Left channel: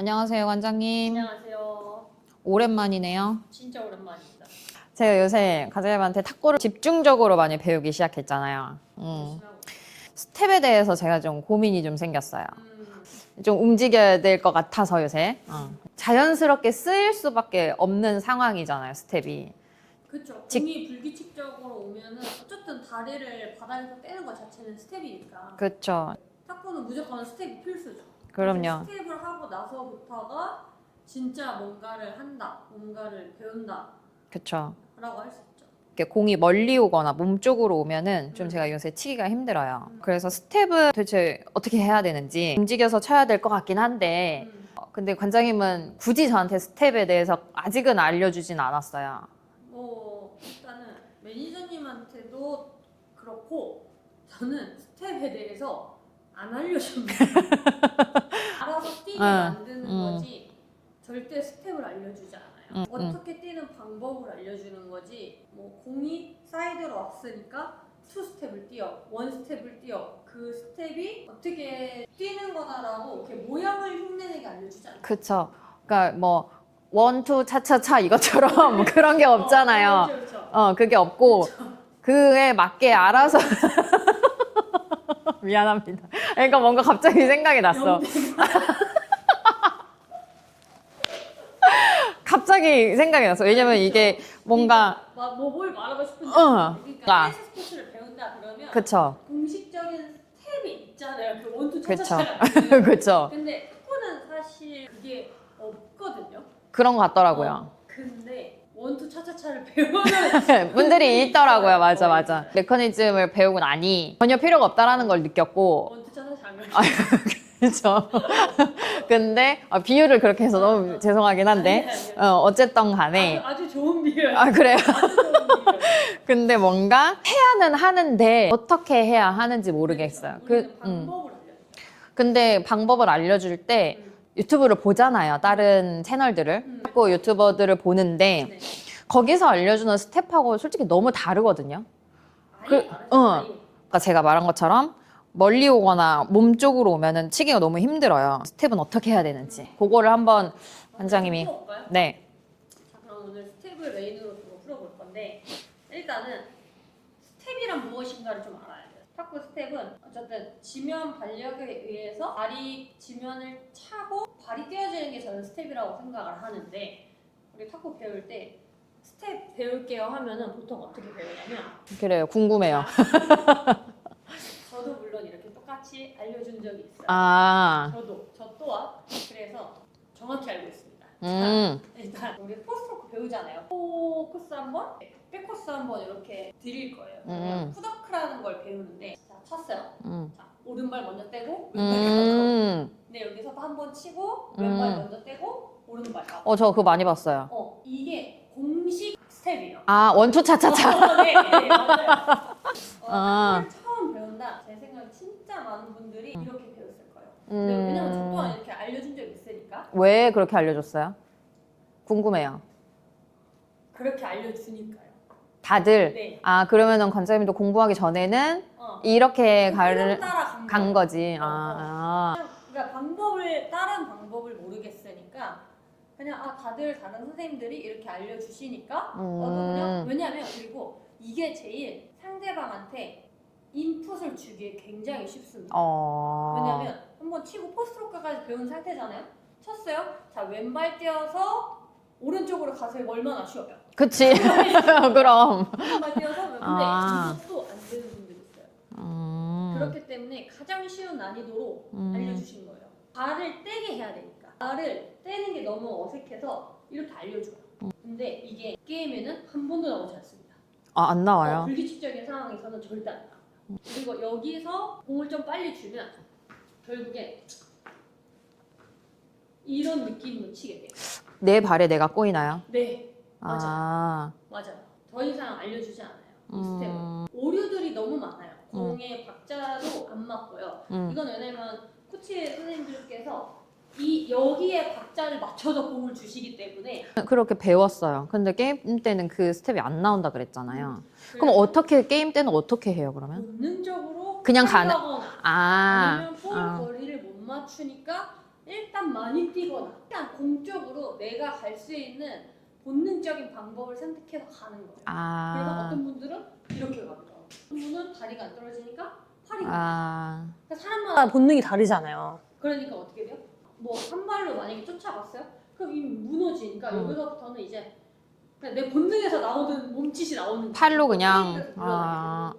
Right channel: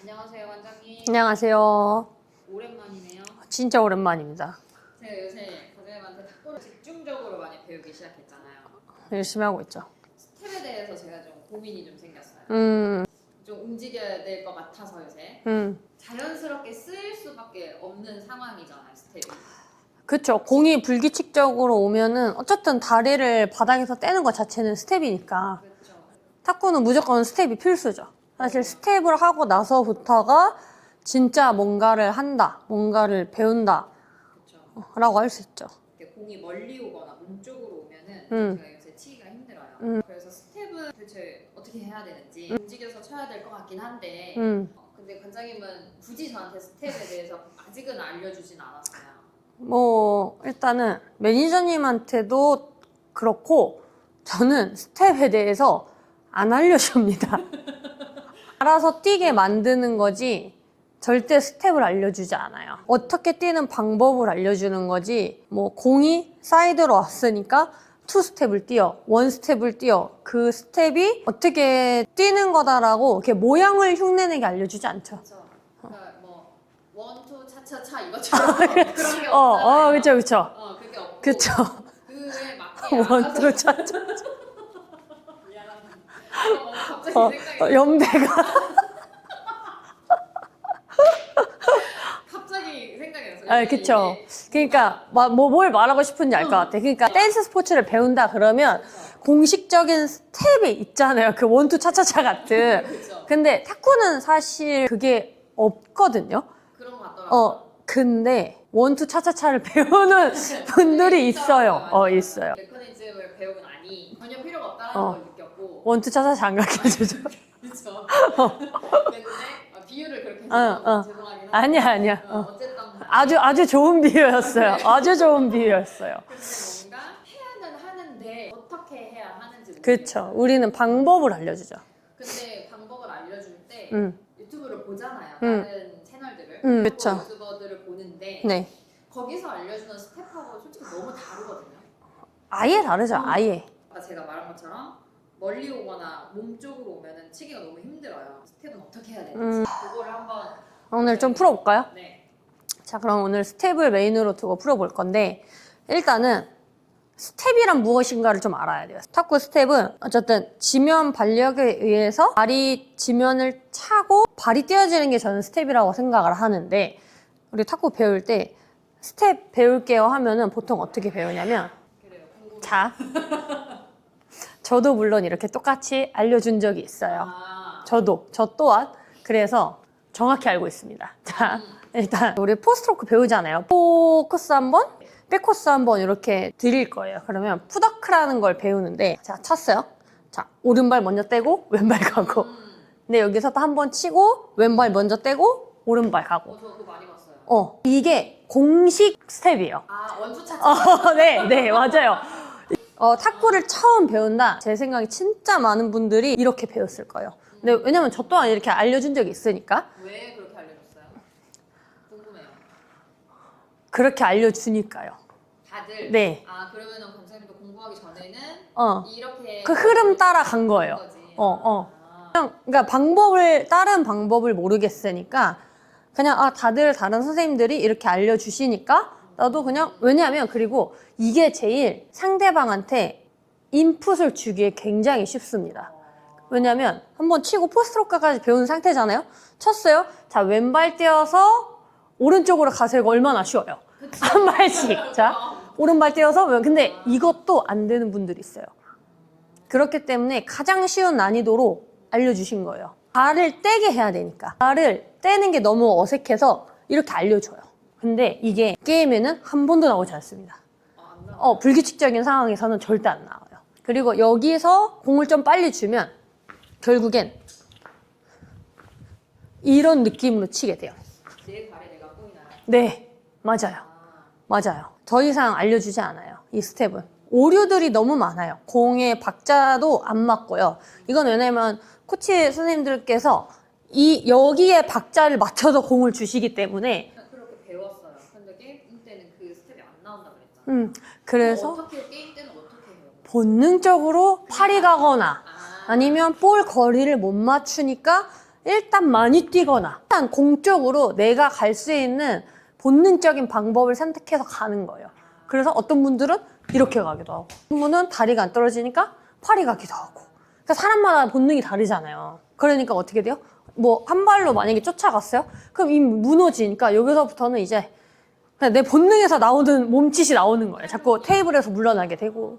안녕하세요, 관장님. 안녕하세요. 오랜만이네요. 진짜 오랜만입니다. 제가 요새 관장님한테 탁구를 집중적으로 많이 배우기 시작했잖아요. 열심히 하고 있죠. 스텝에 대해서 제가 좀 고민이 좀 생겼어요. 좀 움직여야 될 것 같아서 요새 자연스럽게 쓰일 수밖에 없는 상황이잖아요, 스텝이. 그쵸. 공이 불규칙적으로 오면은 어쨌든 다리를 바닥에서 떼는 것 자체는 스텝이니까. 그렇죠. 탁구는 무조건 스텝이 필수죠. 사실 그럼요. 스텝을 하고 나서부터가 진짜 뭔가를 한다, 뭔가를 배운다 그렇죠. 라고 할 수 있죠. 이렇게 공이 멀리 오거나 몸 쪽으로 오면은 좀 제가 요새 치기가 힘들어요. 그래서 스텝은 도대체 어떻게 해야 되는지 움직여서 쳐야 될 것 같긴 한데 근데 관장님은 굳이 저한테 스텝에 대해서 아직은 알려주진 않았어요. 뭐 일단은 매니저님한테도 그렇고 저는 스텝에 대해서 안 알려줍니다. 알아서 뛰게 만드는 거지 절대 스텝을 알려주지 않아요. 어떻게 뛰는 방법을 알려주는 거지 뭐 공이 사이드로 왔으니까 투 스텝을 뛰어, 원 스텝을 뛰어 그 스텝이 어떻게 뛰는 거다라고 이렇게 모양을 흉내내게 알려주지 않죠. 그쵸. 그러니까 뭐 원투 차차차 이것처럼 그런 게 없잖아요. 그렇죠, 그렇죠. 그게 없고 그쵸. 그에 맞게 알아서 미안합니다. 그러니까 뭔가 갑자기 생각이 났어. 연배가 갑자기 생각이 났어. 왜냐면 그쵸. 이게 뭔가 그러니까 뭘 말하고 싶은지 알 것 같아. 그러니까 아. 댄스 스포츠를 배운다 그러면 그쵸. 공식적인 스텝이 있잖아요. 그 원투 차차차 그쵸. 같은. 그쵸. 근데 탁구는 사실 그게 없거든요. 그런 것 같더라고요. 근데 원투 차차차를 배우는 분들이 있더라고요. 있어요. 맞아. 있어요. 메커니즘을 배우고 나니 전혀 필요가 없다라는 걸 느꼈고. 원투 차차차 안 가게. 그렇죠. 근데 비유를 그렇게 해서 너무 죄송하긴 한데. 아니야. 어쨌든 간에. 아주 좋은 비유였어요. 그래요? 아주 좋은 비유였어요. 근데 뭔가 해야는 하는데 어떻게 해야 하는지 모르겠어요. 그렇죠. 우리는 방법을 알려주죠. 근데 방법을 알려줄 때 유튜브를 보잖아요. 다른 채널들을. 그리고 그쵸. 유튜버들을 보는데 네. 거기서 알려주는 스텝하고 솔직히 너무 다르거든요. 아예 다르죠. 아예. 아까 제가 말한 것처럼 멀리 오거나 몸 쪽으로 오면은 치기가 너무 힘들어요. 스텝은 어떻게 해야 되는지. 그거를 한번 오늘 좀 원장님이- 풀어볼까요? 네. 자, 그럼 오늘 스텝을 메인으로 두고 풀어볼 건데 일단은 스텝이란 무엇인가를 좀 알아야 돼요. 탁구 스텝은 어쨌든 지면 발력에 의해서 발이 지면을 차고 발이 띄어지는 게 저는 스텝이라고 생각을 하는데 우리 탁구 배울 때 스텝 배울게요 하면은 보통 어떻게 배우냐면 그래요. 궁금해요. 자, 저도 물론 이렇게 똑같이 알려준 적이 있어요. 저 또한 그래서 정확히 알고 있습니다. 자, 일단 우리 포스트로크 배우잖아요. 포커스 한번, 백코스 한번 이렇게 드릴 거예요. 그러면 푸더크라는 걸 배우는데 자, 쳤어요. 자, 오른발 먼저 떼고 왼발 가고. 근데 여기서 또 한 번 치고 왼발 먼저 떼고 오른발 가고. 저 그거 많이 봤어요. 이게 공식 스텝이에요. 원투 차차차. 네, 맞아요. 탁구를 처음 배운다. 제 생각에 진짜 많은 분들이 이렇게 배웠을 거예요. 근데 왜냐면 저 또한 이렇게 알려준 적이 있으니까 왜 그렇게 알려줬어요? 궁금해요. 그렇게 알려주니까요. 다들. 네. 그러면은 관장님도 공부하기 전에는 이렇게 그 흐름 따라 간 거예요. 거지. 그러니까 다른 방법을 모르겠으니까 그냥 다들 다른 선생님들이 이렇게 알려주시니까 나도 그냥 왜냐하면 그리고 이게 제일 상대방한테 인풋을 주기에 굉장히 쉽습니다. 왜냐하면 한번 치고 포스트로크까지 배운 상태잖아요. 쳤어요. 자, 왼발 띄어서 오른쪽으로 가세요. 얼마나 쉬워요. 그치. 그럼 그럼. 오른발 띄어서 근데 이것도 안 되는 분들이 있어요. 그렇기 때문에 가장 쉬운 난이도로 알려주신 거예요. 발을 떼게 해야 되니까. 발을 떼는 게 너무 어색해서 이렇게 알려줘요. 근데 이게 게임에는 한 번도 나오지 않습니다. 안 나와요. 불규칙적인 상황에서는 절대 안 나와요. 그리고 여기서 공을 좀 빨리 주면 결국엔 이런 느낌으로 치게 돼요. 내 발에 내가 꼬이나요? 네, 맞아요. 맞아요. 더 이상 알려주지 않아요. 이 스텝은. 음. 오류들이 너무 많아요. 공의 박자도 안 맞고요. 이건 왜냐면 코치 선생님들께서 여기에 박자를 맞춰서 공을 주시기 때문에 그렇게 배웠어요. 근데 게임 때는 그 스텝이 안 나온다 그랬잖아요. 그래서 그럼 게임 때는 어떻게 해요, 그러면? 본능적으로 그냥 팔이 가거나 아. 아니면 볼 거리를 못 맞추니까 일단 많이 뛰거나 일단 공적으로 내가 갈 수 있는 본능적인 방법을 선택해서 가는 거예요. 그래서 어떤 분들은 이렇게 가기도 하고 어떤 분은 다리가 안 떨어지니까 팔이 가기도 하고 그러니까 사람마다 본능이 다르잖아요. 그러니까 어떻게 돼요? 뭐 한 발로 만약에 쫓아갔어요? 그럼 이미 무너지니까 여기서부터는 이제 그냥 내 본능에서 나오는 몸짓이 나오는 거예요. 팔로 자꾸 그냥 테이블에서 물러나게 되고.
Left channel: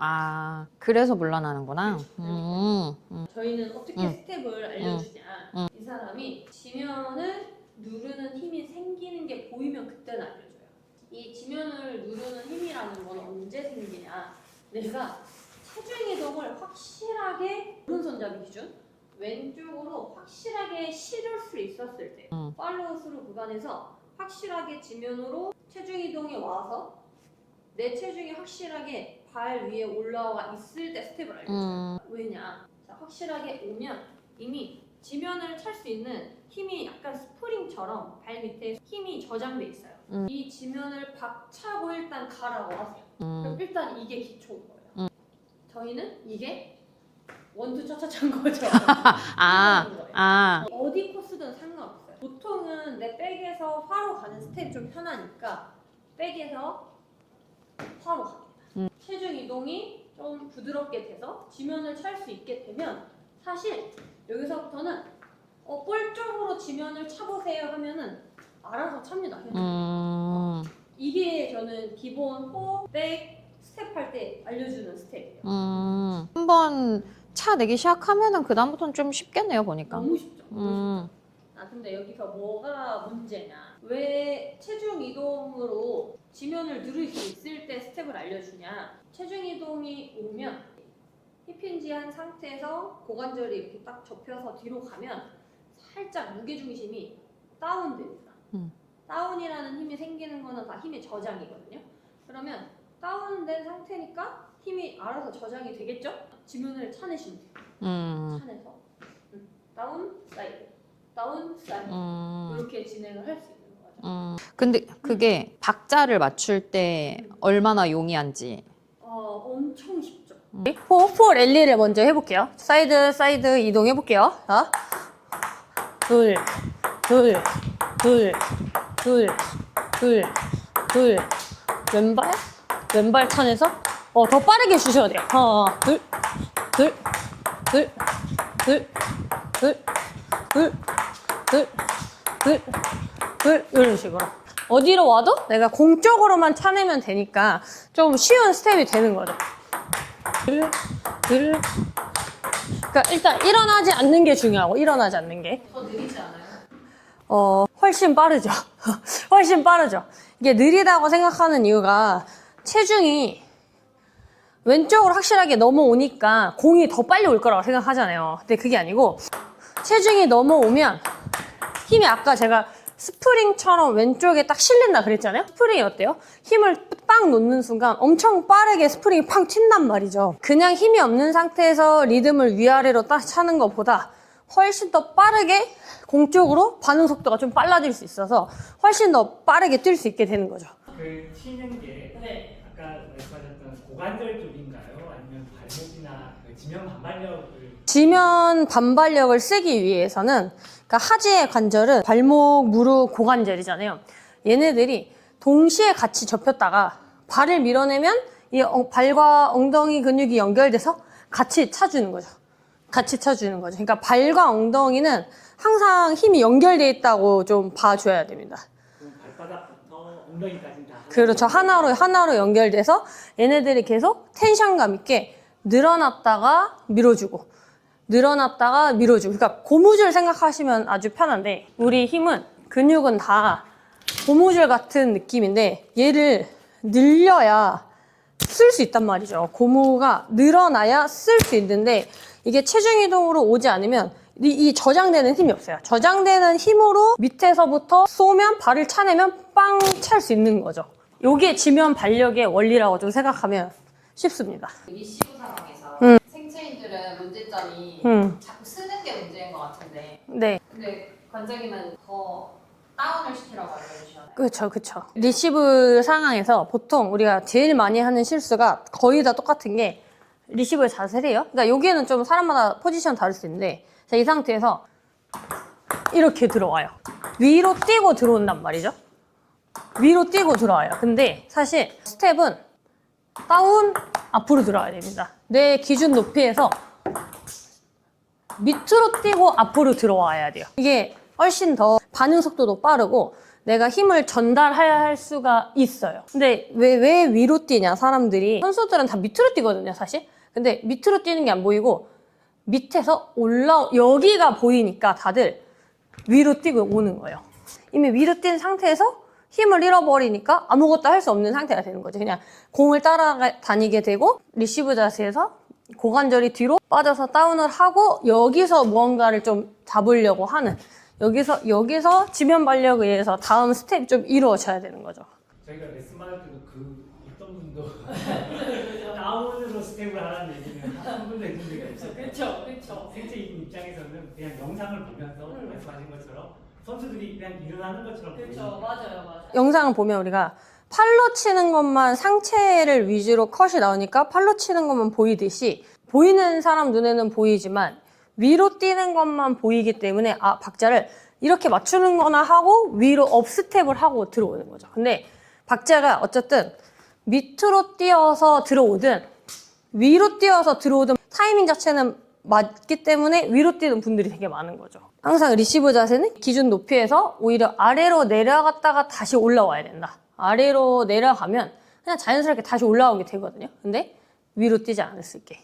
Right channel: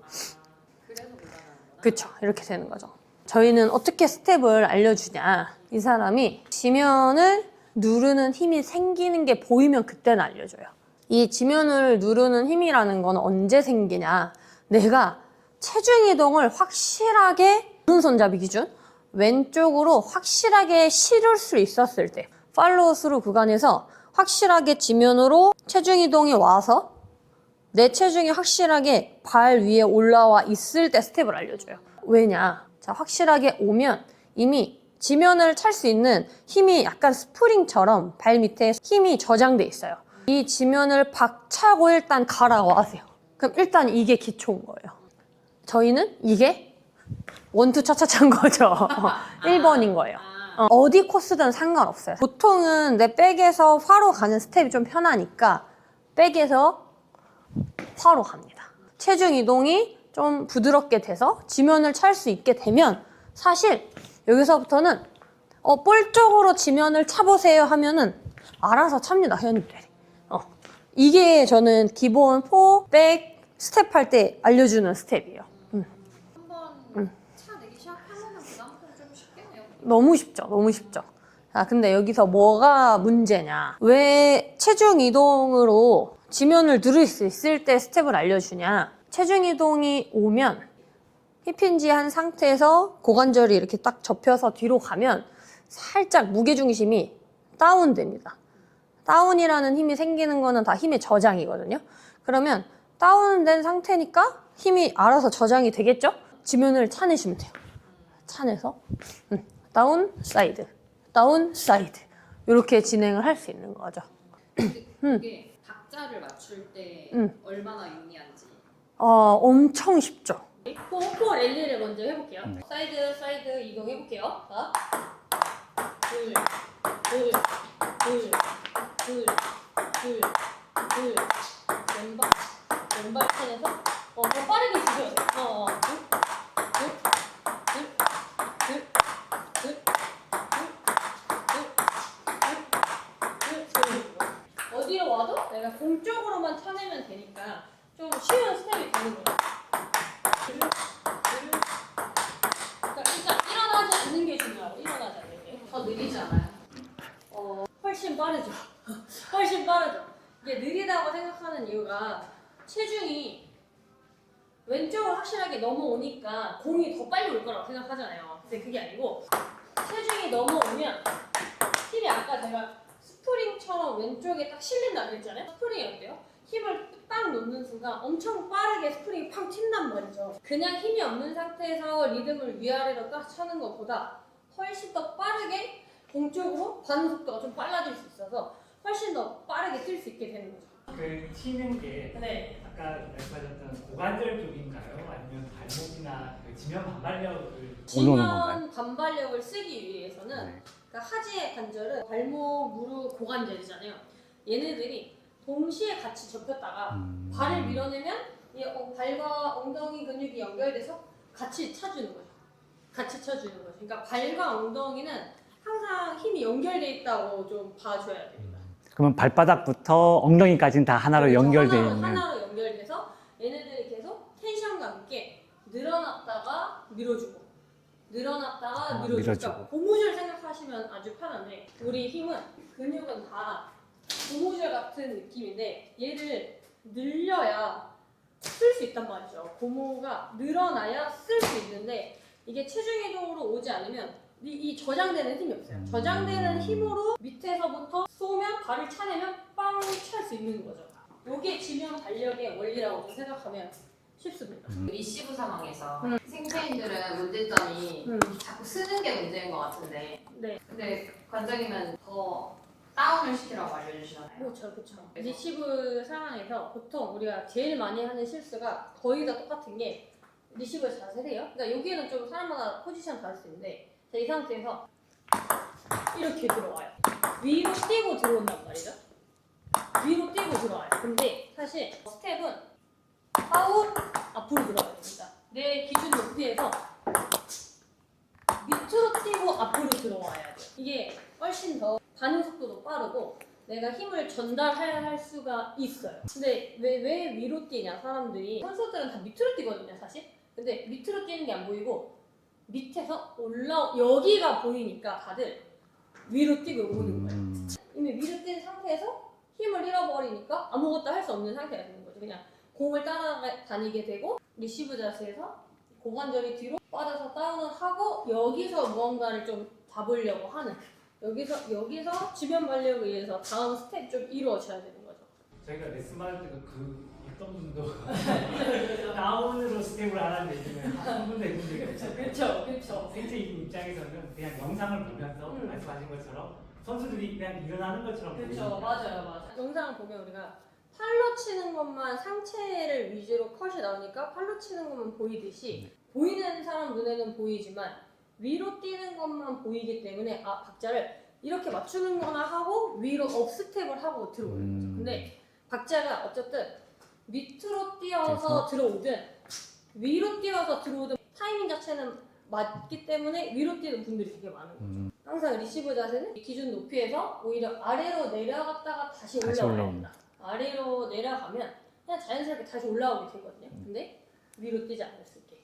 그래서 물러나는구나. 그렇죠. 이렇게 되는 거죠. 저희는 어떻게 스텝을 알려주냐. 이 사람이 지면을 누르는 힘이 생기는 게 보이면 그때는 알려줘요. 이 지면을 누르는 힘이라는 건 언제 생기냐. 내가 체중 이동을 확실하게 오른손잡이 기준 왼쪽으로 확실하게 실을 수 있었을 때 팔로우 스루 구간에서 확실하게 지면으로 체중 이동이 와서 내 체중이 확실하게 발 위에 올라와 있을 때 스텝을 알려줘요. 왜냐? 자, 확실하게 오면 이미 지면을 찰 수 있는 힘이 약간 스프링처럼 발 밑에 힘이 저장돼 있어요. 이 지면을 박차고 일단 가라고 하세요. 그럼 일단 이게 기초인 거예요. 저희는 이게 원투 차차차인 거죠. 1번인 거예요. 어디 코스든 상관없어요. 보통은 내 백에서 화로 가는 스텝이 좀 편하니까 백에서 화로 갑니다. 체중 이동이 좀 부드럽게 돼서 지면을 찰 수 있게 되면 사실 여기서부터는 볼 쪽으로 지면을 차보세요 하면은 알아서 찹니다. 현우. 이게 저는 기본 포, 백, 스텝 할 때 알려주는 스텝이에요. 한번 차 내기 시작하면은 그다음부터는 좀 쉽겠네요, 보니까. 너무 쉽죠. 너무 쉽죠. 자, 근데 여기서 뭐가 문제냐. 왜 체중 이동으로 지면을 누를 수 있을 때 스텝을 알려주냐. 체중 이동이 오면 힙힌지한 상태에서 고관절이 이렇게 딱 접혀서 뒤로 가면 살짝 무게중심이 다운됩니다. 다운이라는 힘이 생기는 거는 다 힘의 저장이거든요. 그러면 다운된 상태니까 힘이 알아서 저장이 되겠죠? 지면을 차내시면 돼요. 차내서 다운, 사이드, 다운, 사이드 이렇게 진행을 할 수 있는 거죠. 근데 그게 박자를 맞출 때 얼마나 용이한지. 엄청 쉽죠. 포 랠리를 먼저 해볼게요. 사이드, 사이드 이동해볼게요. 자, 둘, 둘, 둘, 둘, 둘, 둘, 왼발, 왼발 차내서 더 빠르게 주셔야 돼요. 둘, 둘, 둘, 둘, 둘, 둘, 둘, 둘, 둘, 이런 식으로. 어디로 와도 내가 공적으로만 차내면 되니까 좀 쉬운 스텝이 되는 거죠. 둘, 둘. 그러니까 일단 일어나지 않는 게 중요하고 일어나지 않는 게. 더 느리지 않아요? 훨씬 빠르죠. 훨씬 빠르죠. 이게 느리다고 생각하는 이유가 체중이 왼쪽으로 확실하게 넘어오니까 공이 더 빨리 올 거라고 생각하잖아요. 근데 그게 아니고 체중이 넘어오면 힘이 아까 제가 스프링처럼 왼쪽에 딱 실린다 그랬잖아요. 스프링이 어때요? 힘을 빵 놓는 순간 엄청 빠르게 스프링이 팡 튄단 말이죠. 그냥 힘이 없는 상태에서 리듬을 위아래로 딱 차는 것보다 훨씬 더 빠르게 공쪽으로 반응 속도가 좀 빨라질 수 있어서 훨씬 더 빠르게 뛸 수 있게 되는 거죠. 그 치는 게 네. 아까 말씀하셨던 고관절 쪽인가요? 아니면 발목이나 그 지면 반발력을 지면 반발력을 쓰기 위해서는 그러니까 하지의 관절은 발목, 무릎, 고관절이잖아요. 얘네들이 동시에 같이 접혔다가 발을 밀어내면 이 발과 엉덩이 근육이 연결돼서 같이 차주는 거죠. 같이 차주는 거죠. 그러니까 발과 엉덩이는 항상 힘이 연결돼 있다고 좀 봐줘야 됩니다. 그러면 발바닥부터 엉덩이까지는 다 하나로 그렇죠. 연결되어 있는. 하나로 연결돼서 얘네들이 계속 텐션감 있게 늘어났다가 밀어주고 늘어났다가 밀어주고. 그러니까 고무줄 생각하시면 아주 편한데 우리 힘은 근육은 다 고무줄 같은 느낌인데 얘를 늘려야 쓸 수 있단 말이죠. 고무가 늘어나야 쓸 수 있는데 이게 체중 이동으로 오지 않으면 이 저장되는 힘이 없어요. 저장되는 힘으로 밑에서부터 쏘면 발을 차내면 빵 찰 수 있는 거죠. 요게 지면 발력의 원리라고 좀 생각하면 쉽습니다. 리시브 상황에서 생체인들은 문제점이 자꾸 쓰는 게 문제인 것 같은데. 네. 근데 관장님은 더 다운을 시키라고 알려주시잖아요. 그렇죠. 리시브 상황에서 보통 우리가 제일 많이 하는 실수가 거의 다 똑같은 게 리시브의 자세래요. 그러니까 여기에는 좀 사람마다 포지션 다를 수 있는데 자, 이 상태에서 이렇게 들어와요. 위로 뛰고 들어온단 말이죠. 위로 뛰고 들어와요. 근데 사실 스텝은 다운, 앞으로 들어가야 됩니다. 내 기준 높이에서 밑으로 뛰고 앞으로 들어와야 돼요. 이게 훨씬 더 반응 속도도 빠르고 내가 힘을 전달할 수가 있어요. 근데 왜 위로 뛰냐, 사람들이. 선수들은 다 밑으로 뛰거든요, 사실. 근데 밑으로 뛰는 게 안 보이고 밑에서 여기가 보이니까 다들 위로 뛰고 오는 거예요. 이미 위로 뛴 상태에서 힘을 잃어버리니까 아무것도 할 수 없는 상태가 되는 거죠. 그냥 공을 따라다니게 되고 리시브 자세에서 고관절이 뒤로 빠져서 다운을 하고 여기서 무언가를 좀 잡으려고 하는, 여기서 지면 발력에 의해서 다음 스텝이 좀 이루어져야 되는 거죠. 저희가 레슨 받을 때도 어떤 분도 다운으로 스텝을 하라는 얘기는 한 분도 해본 적이 없어요. 그렇죠. 생체인 입장에서는 그냥 영상을 보면서 말씀하신 것처럼 선수들이 그냥 일어나는 것처럼 보여요. 맞아요. 영상을 보면 우리가 팔로 치는 것만, 상체를 위주로 컷이 나오니까 팔로 치는 것만 보이듯이 보이는 사람 눈에는 보이지만 위로 뛰는 것만 보이기 때문에 박자를 이렇게 맞추는 거나 하고 위로 업스텝을 하고 들어오는 거죠. 근데 박자가 어쨌든 밑으로 뛰어서 들어오든 위로 뛰어서 들어오든 타이밍 자체는 맞기 때문에 위로 뛰는 분들이 되게 많은 거죠. 항상 리시브 자세는 기준 높이에서 오히려 아래로 내려갔다가 다시 올라와야 된다. 아래로 내려가면 그냥 자연스럽게 다시 올라오게 되거든요. 근데 위로 뛰지 않았을게.